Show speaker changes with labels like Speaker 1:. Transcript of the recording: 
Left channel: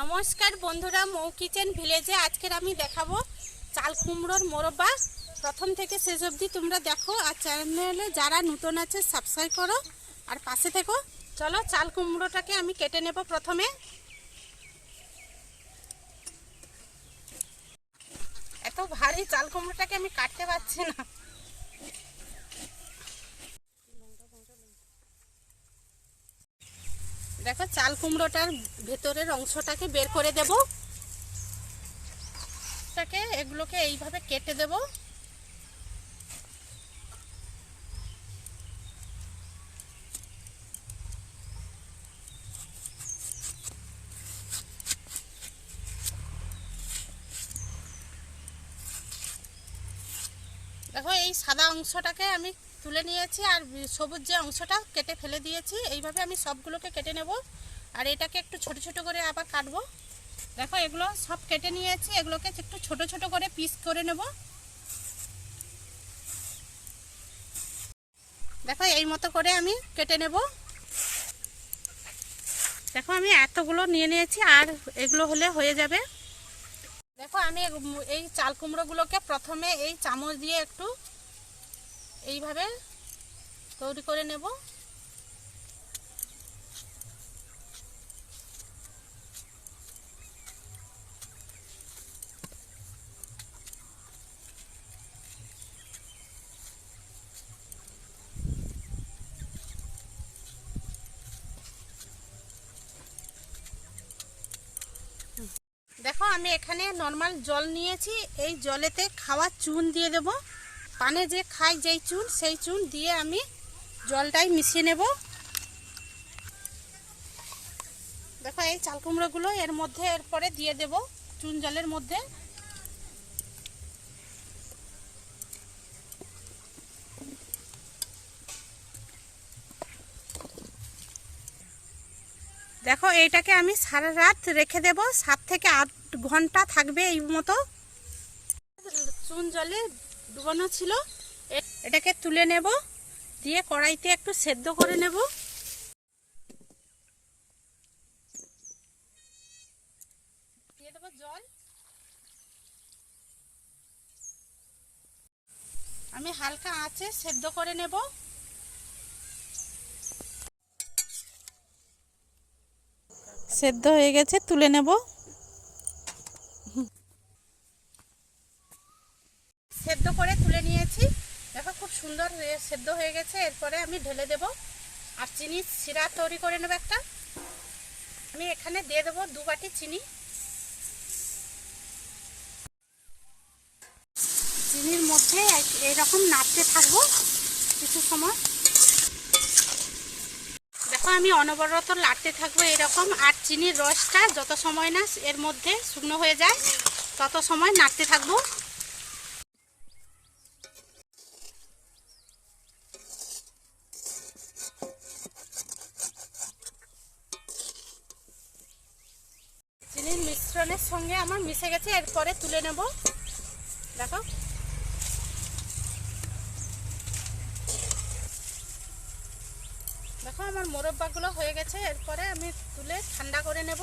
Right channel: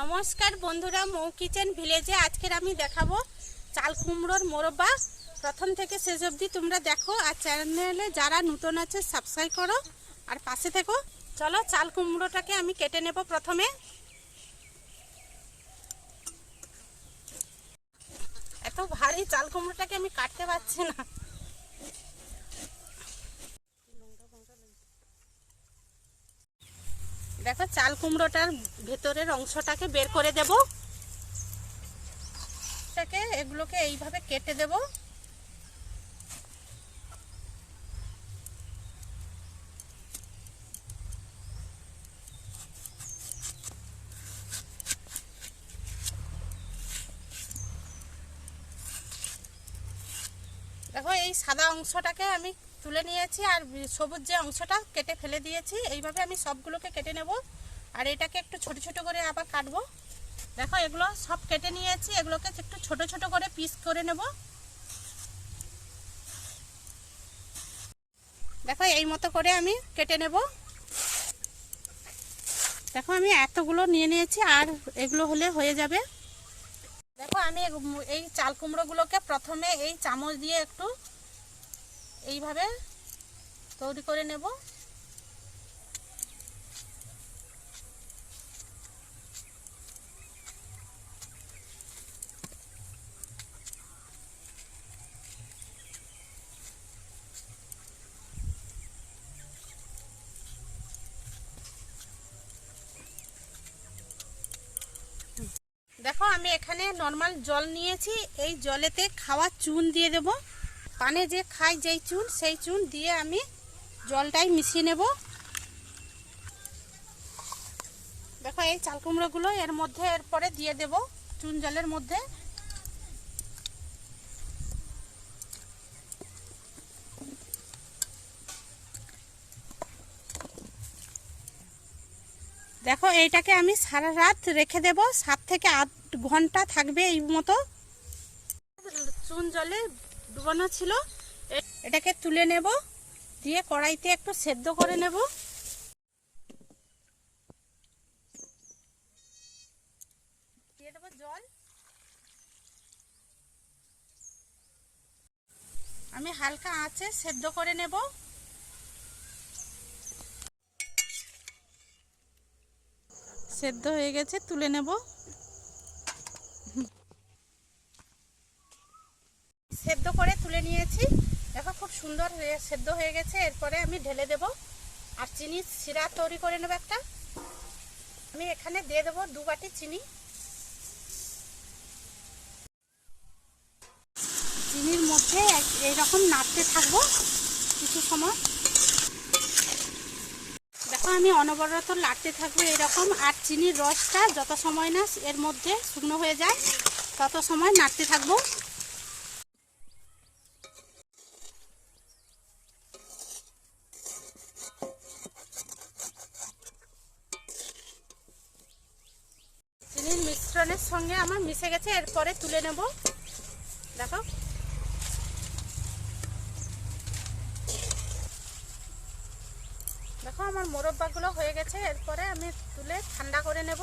Speaker 1: নমস্কার বন্ধুরা, মৌ কিচেন ভিলেজে আজকের আমি দেখাবো চাল কুমড়োর মোরব্বা। প্রথম থেকে শেষ অবধি তোমরা দেখো আর চ্যানেলে যারা নতুন আছে সাবস্ক্রাইব করো আর পাশে থেকো। চলো চাল কুমড়োটাকে আমি কেটে নেব প্রথমে। এত ভারী চাল কুমড়োটাকে আমি কাটতে পারছি না। দেখো, চাল কুমড়োটার ভেতরের অংশটাকে বের করে দেব। এটাকে, এগুলোকে এইভাবে কেটে দেব। দেখো, এই সাদা অংশটাকে আমি তুলে নিয়েছি আর সবুজ যে অংশটা কেটে ফেলে দিয়েছি, এইভাবে আমি সবগুলোকে কেটে নেব। আর এটাকে একটু ছোট ছোট করে আবার কাটবো। দেখো, এগুলো সব কেটে নিয়েছি, এগুলোকে একটু ছোট ছোট করে পিস করে নেব। দেখো, এই মতো করে আমি কেটে নেব। দেখো, আমি এতগুলো নিয়ে নিয়েছি, আর এগুলো হলে হয়ে যাবে। দেখো, আমি এই চাল কুমড়োগুলোকে প্রথমে এই চামচ দিয়ে একটু এইভাবে তৈরি করে নেব। দেখো, আমি এখানে নর্মাল জল নিয়েছি। এই জলেতে খাওয়া চুন দিয়ে দেব। পানে যে খাই যেই চুন, সেই চুন দিয়ে আমি জলটাই মিশিয়ে নেব। দেখো, এই চাল কুমড়োগুলো এর মধ্যে, এরপরে দিয়ে দেব চুন জলের মধ্যে। দেখো, এইটাকে আমি সারা রাত রেখে দেব। সাত থেকে আট ঘণ্টা থাকবে এই মতো। চুন জলে ডুবানো ছিল। এটাকে তুলে নেব, দিয়ে কড়াইতে একটু সেদ্ধ করে নেব। দিয়ে দেবো জল। আমি হালকা আঁচে সেদ্ধ করে নেব। সেদ্ধ হয়ে গেছে, তুলে নেব। সেদ্ধ করে তুলে নিয়েছি। দেখো খুব সুন্দর সেদ্ধ হয়ে গেছে। এরপরে আমি ঢেলে দেব। আর চিনি শিরা তৈরি করে নেব একটা। আমি এখানে দিয়ে দেবো দু বাটি চিনি। চিনির মধ্যে এইরকম নাড়তে থাকব কিছু সময়। দেখো আমি অনবরত লাড়তে থাকব এরকম। আর চিনির রসটা যত সময় না এর মধ্যে শুকনো হয়ে যায়, তত সময় নাড়তে থাকব। মিশ্রণের সঙ্গে আমার মিশে গেছে, এরপরে তুলে নেব। দেখো। দেখো, আমার মোরব্বাগুলো হয়ে গেছে, এরপরে আমি তুলে ঠান্ডা করে নেব।